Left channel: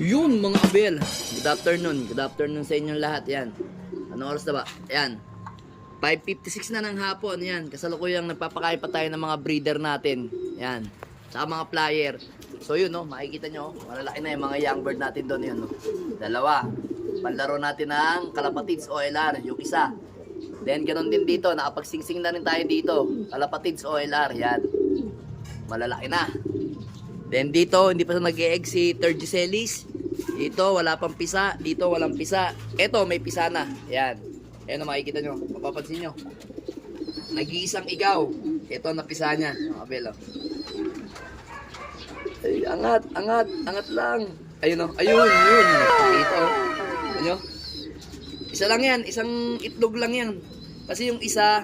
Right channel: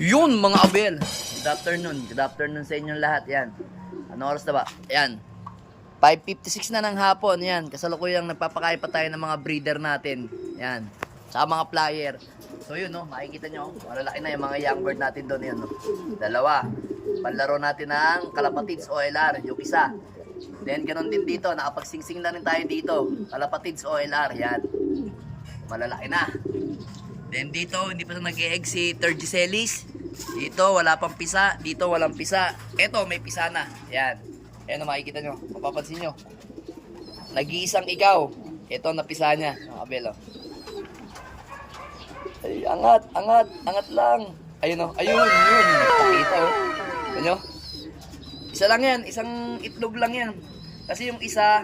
Yun mga abel. Good afternoon. Good afternoon sa inyong lahat. Yan. Ano oras na ba? Yan. 5:56 na ng hapon. Yan. Kasalukuyang nagpapakain pa tayo ng mga breeder natin. Yan. Tsaka mga flyer. So yun no. Makikita nyo. Malalaki na yung mga young bird natin doon. Yun no. Dalawa. Panlaro natin ng Kalapatids OLR. Yung isa. Then ganun din dito. Nakapagsingsing na rin tayo dito. Kalapatids OLR. Yan. Malalaki na. Then dito, hindi pa sa nag-e-egg si Turgiselis. Dito, wala pang pisa. Dito, walang pisa. Eto, may pisa na. Yan. Ayan na makikita nyo. Mapapansin nyo. Nag-iisang ikaw. Eto, napisa niya. Ang abel, oh. Ay, angat, angat. Angat lang. Ayun, oh. Ayun, yun. Pakita, oh. Ano? Isa lang yan. Isang itlog lang yan. Kasi yung isa,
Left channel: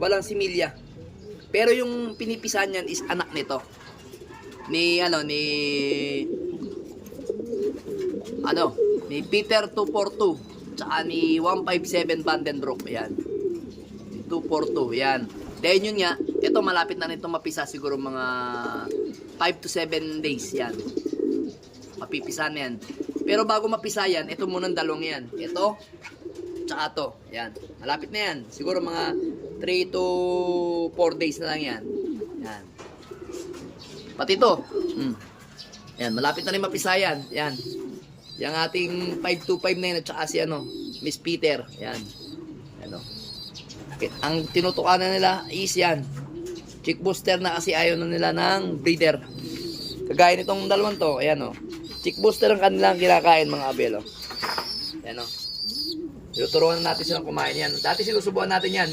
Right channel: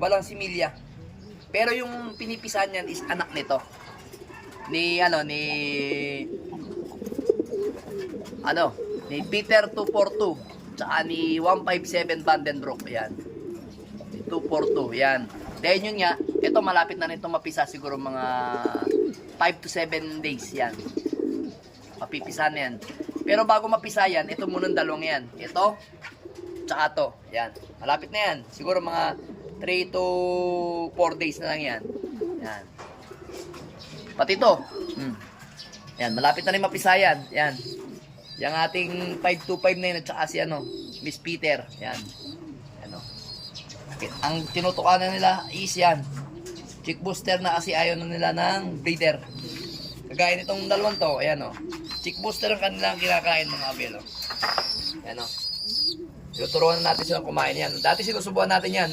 walang similya. Pero yung pinipisan niyan is anak nito. Ni Peter 242 tsaka ni 157 Vandenbroek. Yan. 242, yan. Dahil yun nga, ito malapit na nito mapisa siguro mga 5 to 7 days yan. Mapipisa na yan. Pero bago mapisa yan, ito muna ang dalawang yan. Ito, tsaka to. Yan. Malapit na yan. Siguro mga 3 to 4 days na lang yan. Yan. Pati ito. Yan. Malapit na rin mapisa yan. Yan. Yung ating 525 na yun at saka si Miss Peter. Yan. Yan o. Ang tinutukan na nila is yan. Chick booster na kasi ayaw na nila ng breeder. Kagaya nitong dalawang to. Ayan o. Chick booster ang kanilang kinakain mga abel o. Yan o. Tinuturuan natin silang kumain yan. Dati sinusubuan natin yan.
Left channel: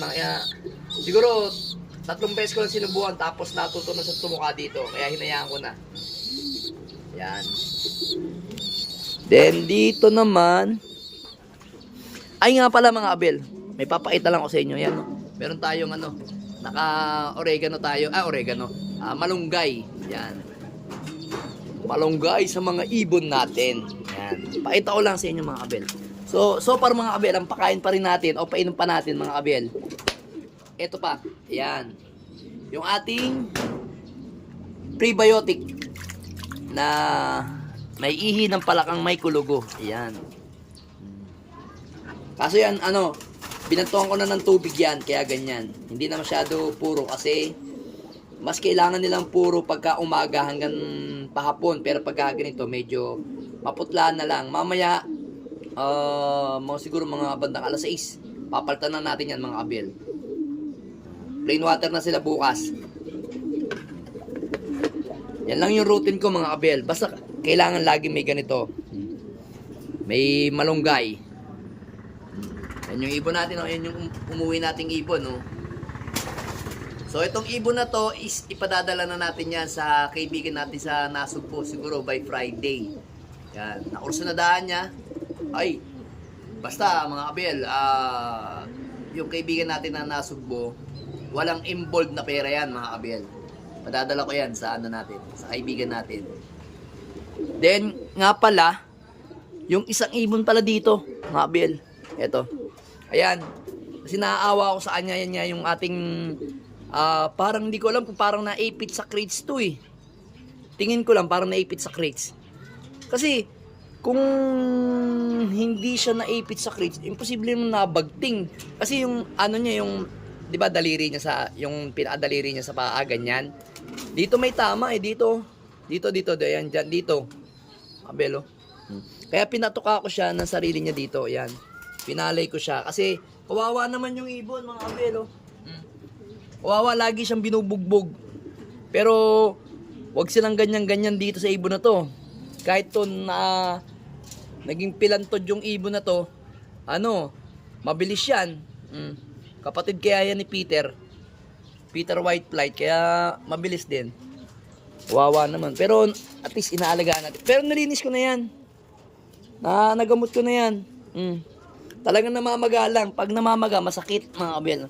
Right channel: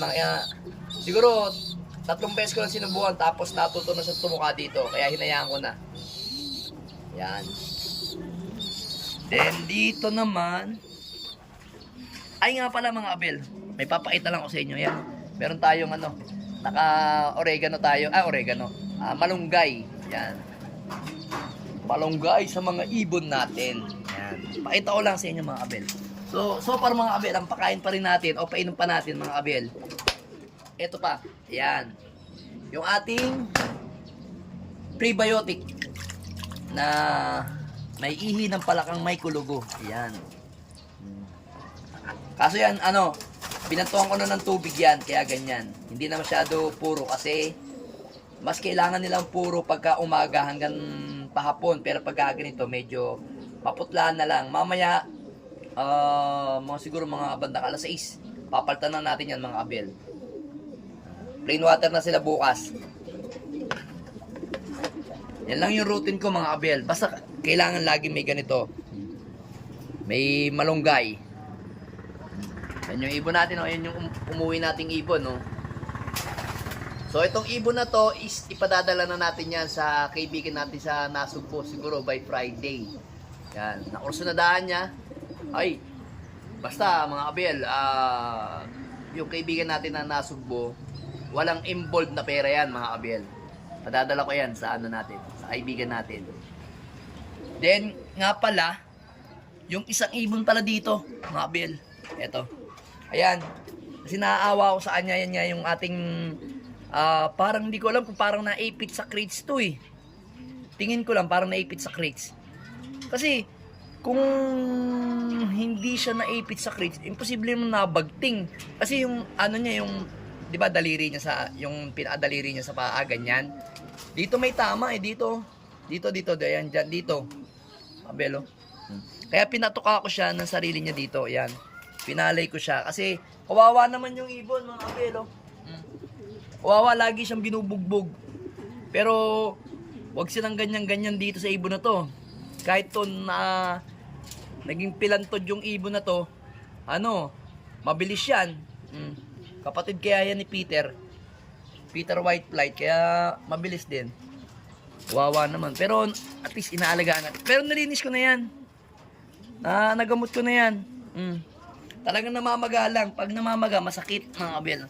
Siguro 3 beses ko lang sinubuan tapos natuto na siya tumuka dito. Kaya hinayaan ko na. Yan. Then dito naman. Ay nga pala mga abel. May papakita lang ako sa inyo. Yan. Meron tayong naka-oregano tayo. Oregano. Malunggay. Yan. Malunggay sa mga ibon natin. Yan. Pakita ko lang sa inyo mga abel. So far mga abel, ang pakain pa rin natin o painom pa natin mga abel. Ito pa, ayan. Yung ating prebiotic na may ihi ng palakang may kulugo. Ayan. Kaso yan, binantuhan ko na ng tubig yan, kaya ganyan. Hindi na masyado puro kasi mas kailangan nilang puro pagka umaga hanggang pahapon. Pero pagka ganito, medyo maputlaan na lang. Mamaya, siguro mga bandang alas 6 papalitan na natin yan mga abel. Plain water na sila bukas. Yan lang yung routine ko mga abel. Basta kailangan lagi may ganito, may malunggay. Yan yung ibon natin, yan yung umuwi nating ibon, no? So itong ibon na to is ipadadala na natin yan sa kaibigan natin sa Nasugbo siguro by Friday. Yan, nakurso na daan niya. Ay, basta mga abel, yung kaibigan natin na Nasugbo, walang involved na pera yan mga abel. Padadala ko yan sa natin, sa kaibigan natin. Then, nga pala, yung isang ibon pala dito, mga abel. Eto. Ayan. Kasi naaawa ko sa kanya, yan nga yung ating, parang hindi ko alam kung parang naipit sa crates to eh. Tingin ko lang parang naipit sa crates. Kasi, kung hindi siya naipit sa crates, imposible yung nabagting. Kasi yung niya, yung, di ba daliri niya yung pinakadaliri niya sa paa, ganyan. Dito may tama eh, dito. Dito, ayan, dyan, dito. Abelo. Kaya pinatuka ko siya ng sarili niya dito, ayan. Pinalay ko siya. Kasi, kawawa naman yung ibon, mga abelo. Kawawa, lagi siyang binubugbog. Pero, wag silang ganyan-ganyan dito sa ibon na to. Kahit to na naging pilantod yung ibon na to, mabilis yan. Kapatid kaya yan ni Peter White Flight, kaya mabilis din. Wawa naman. Pero at least inaalagaan natin. Pero nalinis ko na yan. Nagamot ko na yan. Talagang namamaga lang. Pag namamaga, masakit mga abel.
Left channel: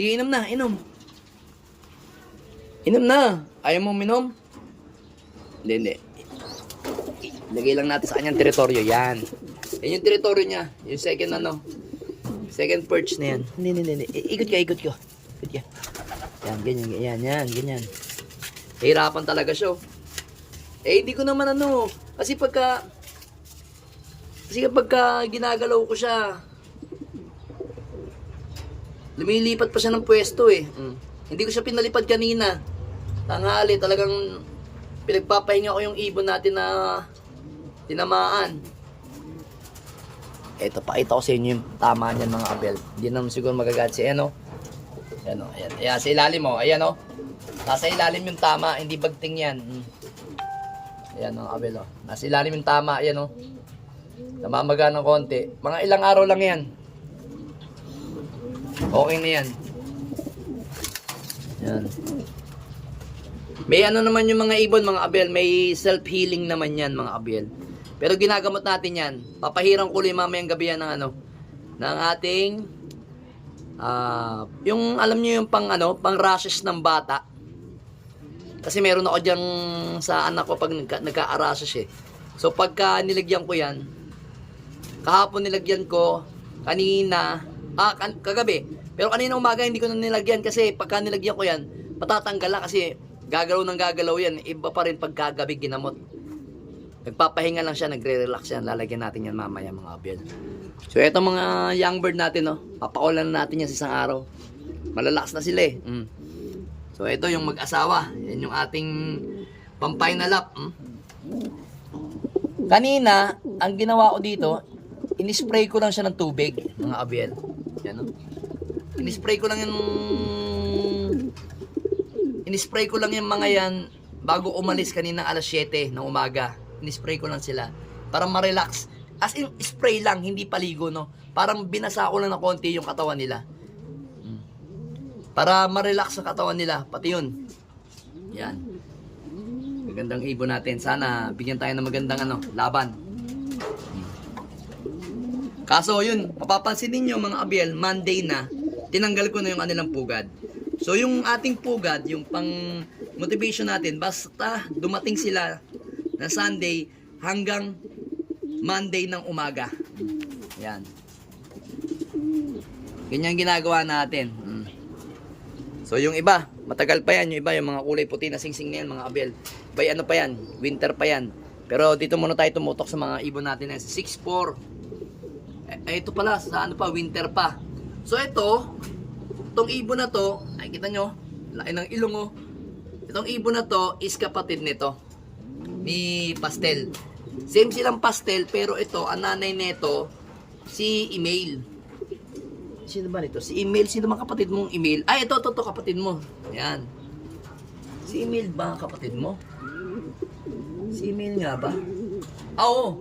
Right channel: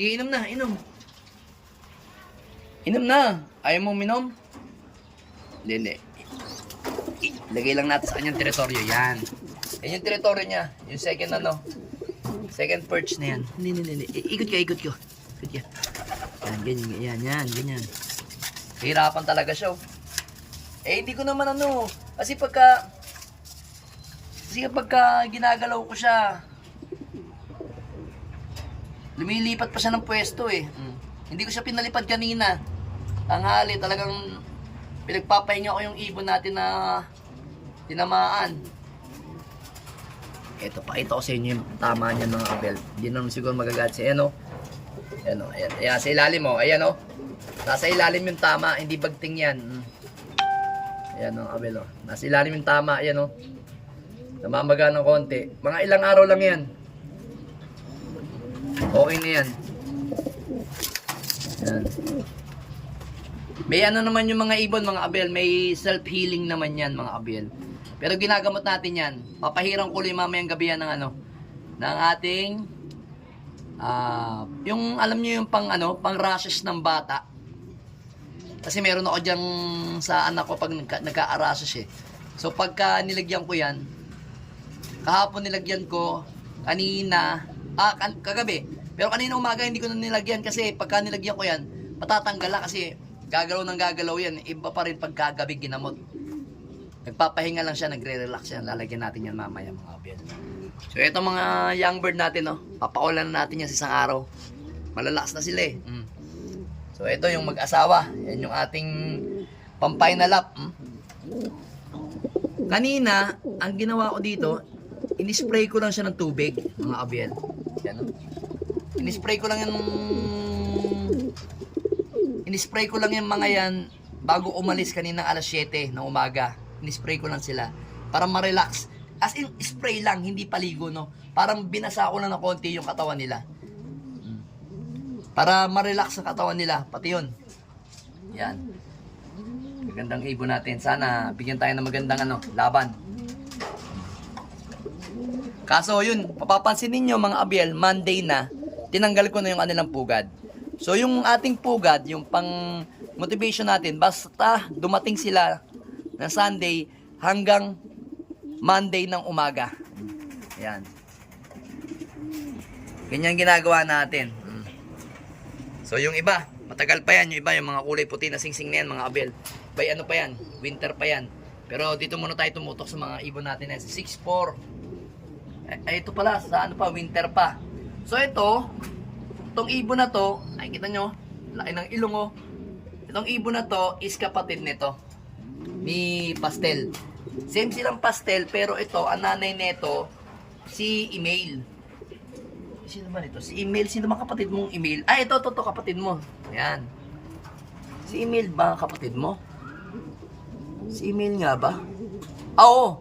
Iinom na, inom. Inom na. Ayaw mong minom? Hindi. Lagay lang natin sa kanyang teritoryo. Yan. Yan yung teritoryo niya. Yung second perch na yan. Hindi. Ikot ka. Ikot ka. Yan, ganyan. Hirapan talaga siya. Eh, hindi ko naman ano. Kasi pagka ginagalaw ko siya, lumilipat pa siya ng pwesto eh. Hindi ko siya pinalipad kanina. Tanghali, talagang pinagpapahinga ko yung ibon natin na tinamaan. Eto, pakita ko sa inyo yung tama niyan mga kabel. Hindi naman siguro magagalit si ano. Ayan o, ayan, sa ilalim mo, ayan o. Nasa ilalim yung tama, hindi bagting yan. Ayan o, kabel o. Nasa ilalim yung tama, ayan o. Namamaga ng konti. Mga ilang araw lang yan. Okay na yan. Yan. May ano naman yung mga ibon, mga abel. May self-healing naman yan, mga abel. Pero ginagamot natin yan. Papahirang ko mamayang gabi yan ng ano. Ng ating yung alam nyo yung pang rashes ng bata. Kasi meron ako dyang sa anak ko pag nagka-rashes eh. So pagka nilagyan ko yan, kahapon nilagyan ko, kanina, kagabi. Pero kanina umaga hindi ko na nilagyan kasi pagka nilagyan ko yan, matatanggal lang kasi gagalaw ng gagalaw yan. Iba pa rin pagkagabi ginamot. Nagpapahinga lang siya, nagre-relax yan. Lalagyan natin yan mamaya mga abel. So ito mga young bird natin, no? Papakulan na natin yan sa isang araw. Malalakas na sila eh. So ito yung mag-asawa. Yan yung ating pang-final up. Kanina, ang ginawa ko dito, in-spray ko lang siya ng tubig, mga abel. Yan, no? In-spray ko lang yung mga yan bago umalis kaninang alas 7 ng umaga. In-spray ko lang sila para ma-relax. As in, spray lang, hindi paligo, no? Parang binasa ko lang ng konti yung katawan nila. Para ma-relax ang katawan nila, pati yun. Yan. Magandang ibon natin. Sana bigyan tayo ng magandang laban. Kaso yun, mapapansin ninyo mga abel, Monday na, tinanggal ko na yung kanilang pugad. So yung ating pugad, yung pang motivation natin, basta dumating sila na Sunday hanggang Monday ng umaga. Ayan. Ganyan ginagawa natin. So yung iba, matagal pa yan. Yung iba, yung mga kulay puti na singsing na yan, mga abel. Bay ano pa yan, winter pa yan. Pero dito muna tayo tumutok sa mga ibon natin na 6'4". Ito pala, sa ano pa, winter pa. So ito, itong ibon na to, ay kita nyo, laki ng ilong oh. Itong ibon na to is kapatid nito, ni Pastel. Same silang Pastel, pero ito, ang nanay nito, si Email. Sino ba nito? Si Email, sino bang kapatid mong Email? Ay, ito, kapatid mo. Ayan. Si Email ba ang kapatid mo? Si Email nga ba? Oo.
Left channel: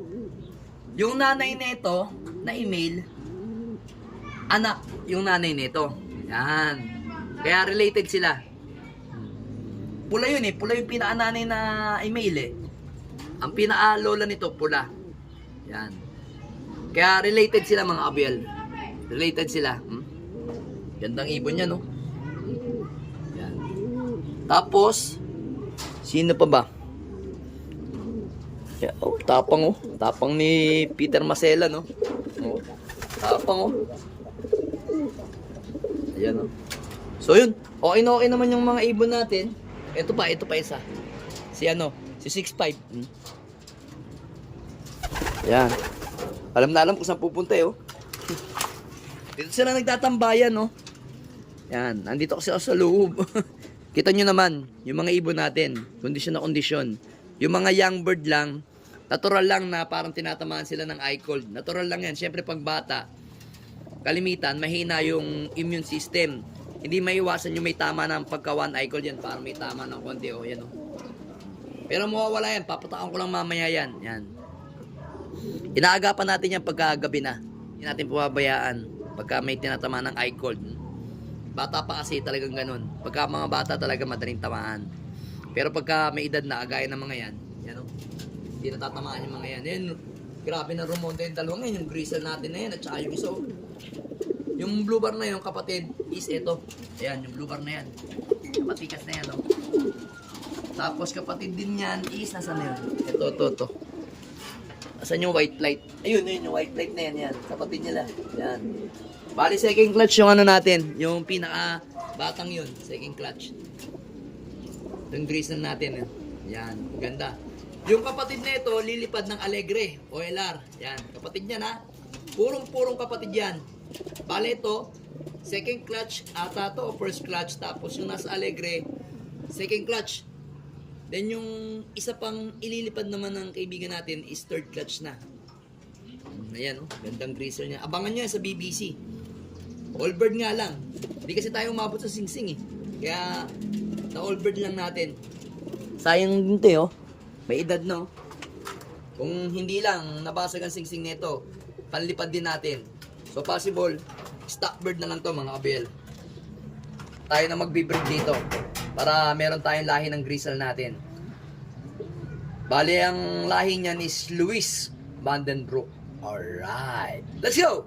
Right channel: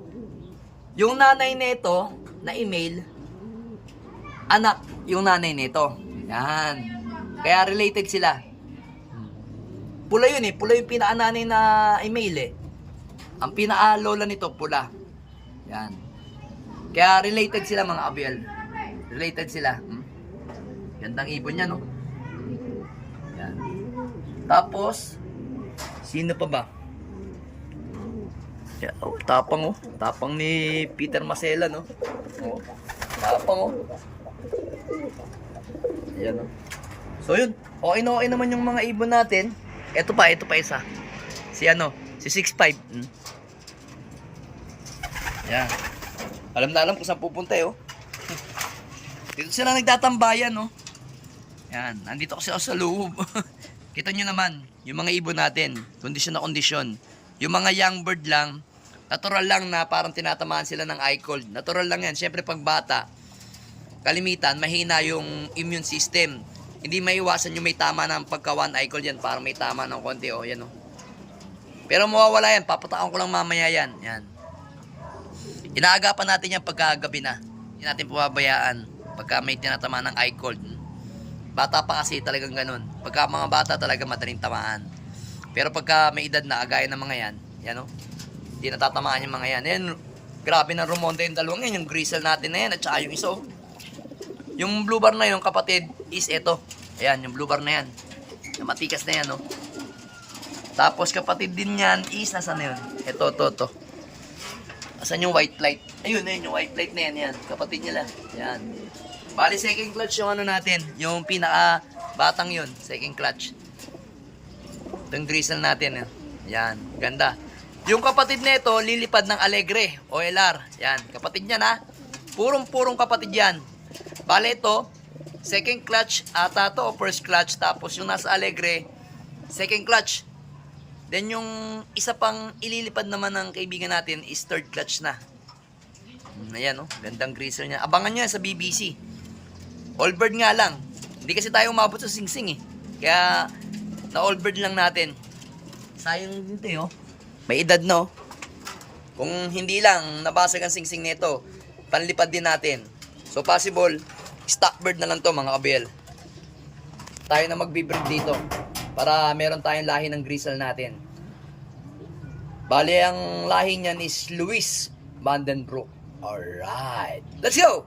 Yung nanay nito, na Email, anak, yung nanay nito. Yan. Kaya related sila. Pula yun eh. Pula yung pinaka-nanay na Email eh. Ang pinaka-lola nito, pula. Yan. Kaya related sila mga abel. Related sila. Gandang ibon niya, no? Yan. Tapos, sino pa ba? Yeah, oh, tapang oh. Tapang ni Peter Masela, no? Oh, tapang oh. Ayan oh. So yun, okay na okay naman yung mga ibon natin. Ito pa isa. Si 6'5". Yan. Alam na alam kung saan pupunta eh oh. Dito sila nagtatambayan no. Yan, nandito kasi ako sa loob. Kita nyo naman, yung mga ibon natin, kondisyon na kondisyon. Yung mga young bird lang, natural lang na parang tinatamaan sila ng eye cold. Natural lang yan. Siyempre pag bata, kalimitan, mahina yung immune system. Hindi maiwasan yung may tama ng pagka-one eye cold yan. Parang may tama ng konti. O, yan o. Pero mawawala yan. Papataon ko lang mamaya yan. Yan. Inaagapan natin yan pagkagabi na. Hindi natin pababayaan pagka may tinatama ng eye cold. Bata pa kasi talagang ganun. Pagka mga bata talaga madaling tamaan. Pero pagka may edad na, agaya ng mga yan. Yan o. Hindi natatamaan yung mga yan. Yan, grabe na rumonda yung dalawang yan. Yung grizzle natin na yan at saka yung iso. Yung blue bar na yun, kapatid, is ito. Ayan, yung blue bar na yan. Matikas na yan, no? Tapos kapatid din yan is, nasa na yun? Ito. Asan yung white light? Ayun, yung white light na yan, yan. Kapatid nila. Yan. Bali, second clutch yung natin. Yung pinaka batang yun. Second clutch. Itong grizzle natin, yan. Ganda. Yung kapatid nito, lilipad ng Alegre, OLR. Yan, kapatid niya na. Purong kapatid yan. Bale ito, second clutch ata to o first clutch. Tapos yung nasa Alegre, second clutch. Then yung isa pang ililipad naman ng kaibigan natin is third clutch na. Ayan, oh, gandang greaser niya. Abangan niya sa BBC. All-bird nga lang. Hindi kasi tayo umabot sa singsing eh. Kaya, na-all-bird lang natin. Sayang din to, oh. May edad no. Kung hindi lang nabasag ang singsing nito, panlipad din natin. So possible, stock bird na lang to mga kabel. Tayo na magbe-breed dito para meron tayong lahi ng gristle natin. Bale, ang lahi niyan is Louis Vandenbroek. Alright, let's go!